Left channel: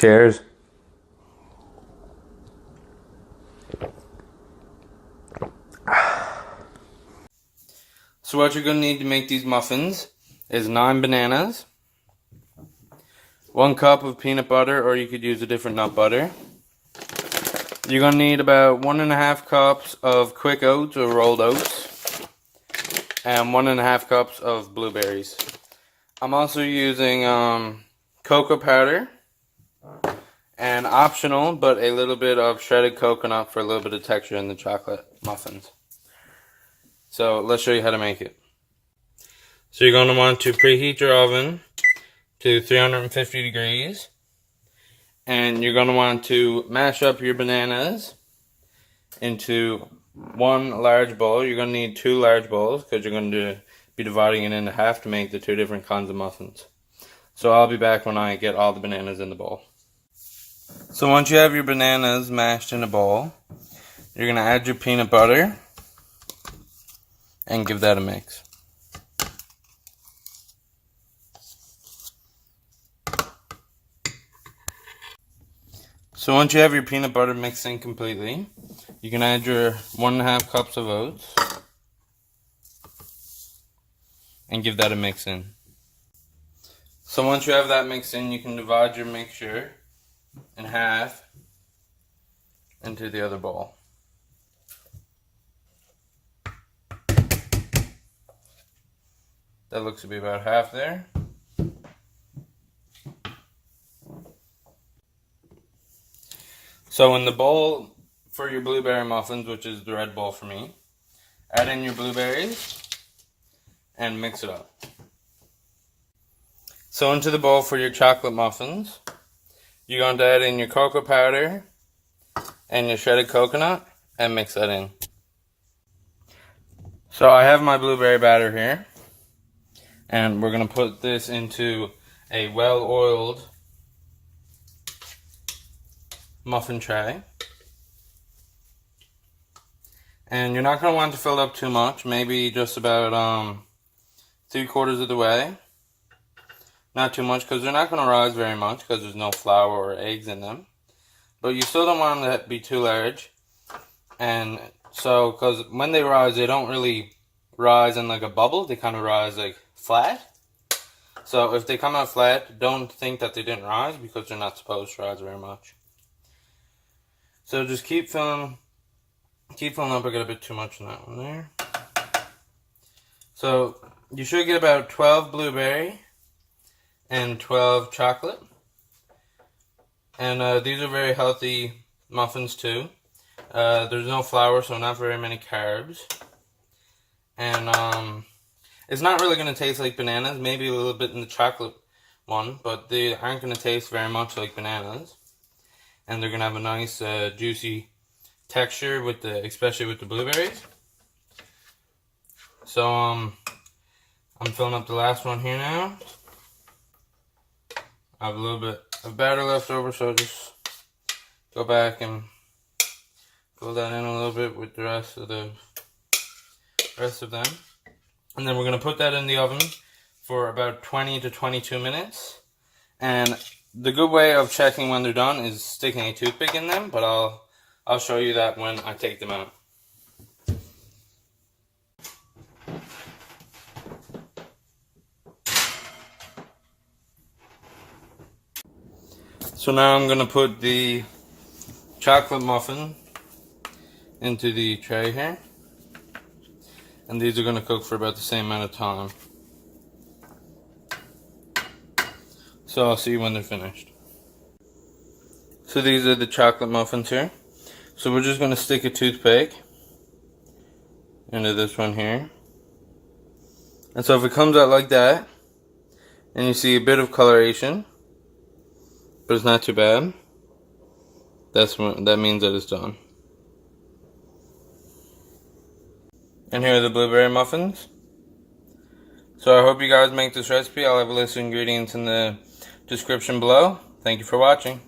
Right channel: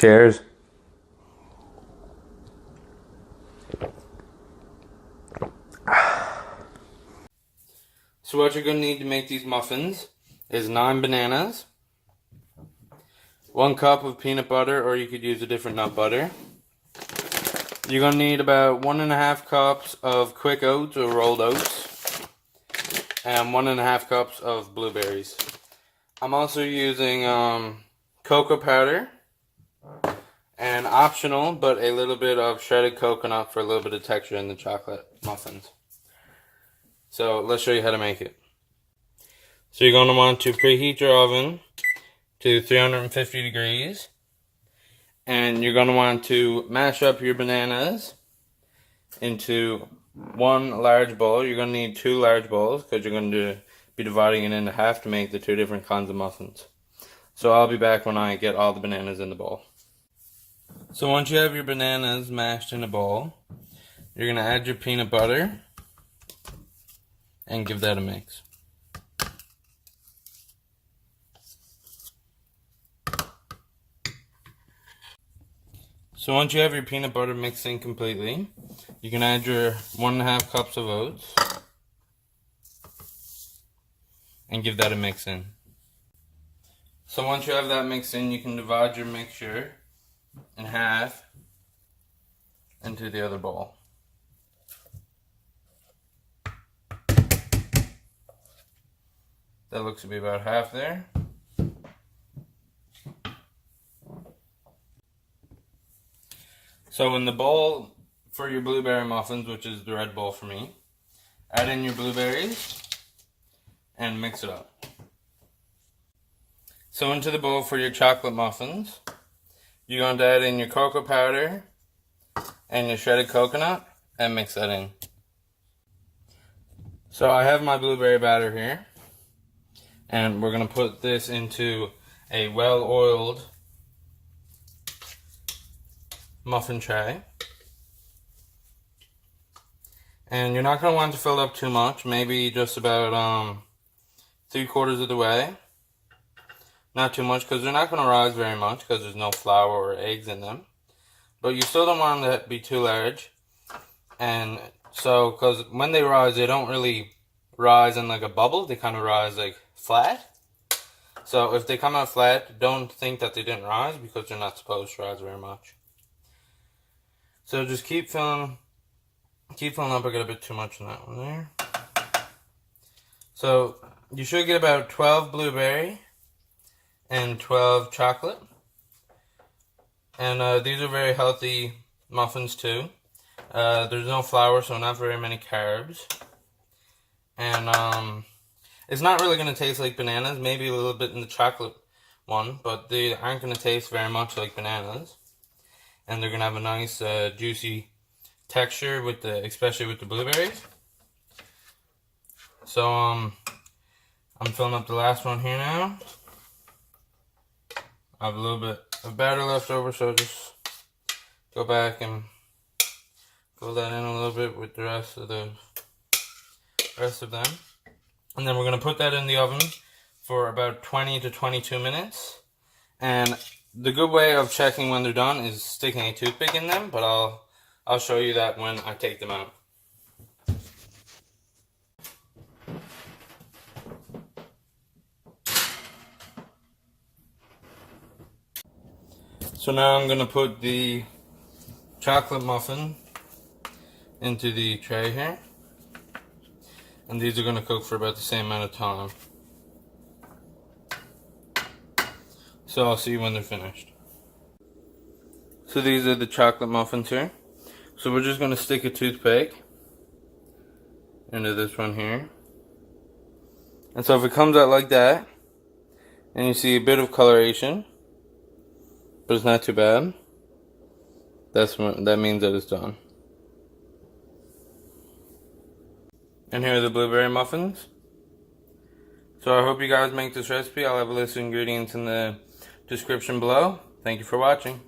Cheers. So what you're going to need to make these muffins is 9 bananas, 1 cup of peanut butter, or you could use a different nut butter. You're going to need about 1.5 cups of quick oats or rolled oats, and 1.5 cups of blueberries. I'm also using cocoa powder, and optional, but a little bit of shredded coconut for a little bit of texture in the chocolate muffins. So let's show you how to make it. So you're going to want to preheat your oven to 350 degrees. And you're going to want to mash up your bananas into 1 large bowl. You're going to need 2 large bowls because you're going to be dividing it into half to make the 2 different kinds of muffins. So I'll be back when I get all the bananas in the bowl. So once you have your bananas mashed in a bowl, you're going to add your peanut butter and give that a mix. So once you have your peanut butter mixed in completely, you can add your 1.5 cups of oats and give that a mix in. So once you have that mixed in, you can divide your mixture in half into the other bowl. That looks to be about half there. So in the bowl for your blueberry muffins, which is the red bowl for me, add in your blueberries and mix it up. So into the bowl for your chocolate muffins, you're going to add in your cocoa powder and your shredded coconut and mix that in. So I have my blueberry batter here, and we're going to put this into a well-oiled muffin tray. And you're not going to want to fill up too much, maybe just about 3/4 of the way. Not too much, because they're not going to rise very much because there's no flour or eggs in them. But you still don't want them to be too large. And so, because when they rise, they don't really rise in like a bubble, they kind of rise like flat. So if they come out flat, don't think that they didn't rise, because they're not supposed to rise very much. So just keep filling up. I got a bit too much in that one there. So you should get about 12 blueberry and 12 chocolate. And these are very healthy muffins too. There's no flour, so not very many carbs. And it's not really going to taste like bananas, maybe a little bit in the chocolate one, but they aren't going to taste very much like bananas. And they're going to have a nice juicy texture, especially with the blueberries. So I'm filling up the last one here now. I have a little bit of batter left over, so just go back and fill that in a little bit with the rest of them. And then we're going to put that in the oven for about 20 to 22 minutes. And the good way of checking when they're done is sticking a toothpick in them, but I'll show you that when I take them out. So now I'm going to put the chocolate muffin into the tray here. And these are going to cook for about the same amount of time. So I'll see you when they're finished. So these are the chocolate muffins here. So we're just going to stick a toothpick into this one here. And so if it comes out like that, and you see a bit of coloration, but it's not too bad, that means that it's done. And here are the blueberry muffins. So I hope you guys make this recipe. I'll have a list of ingredients in the description below. Thank you for watching.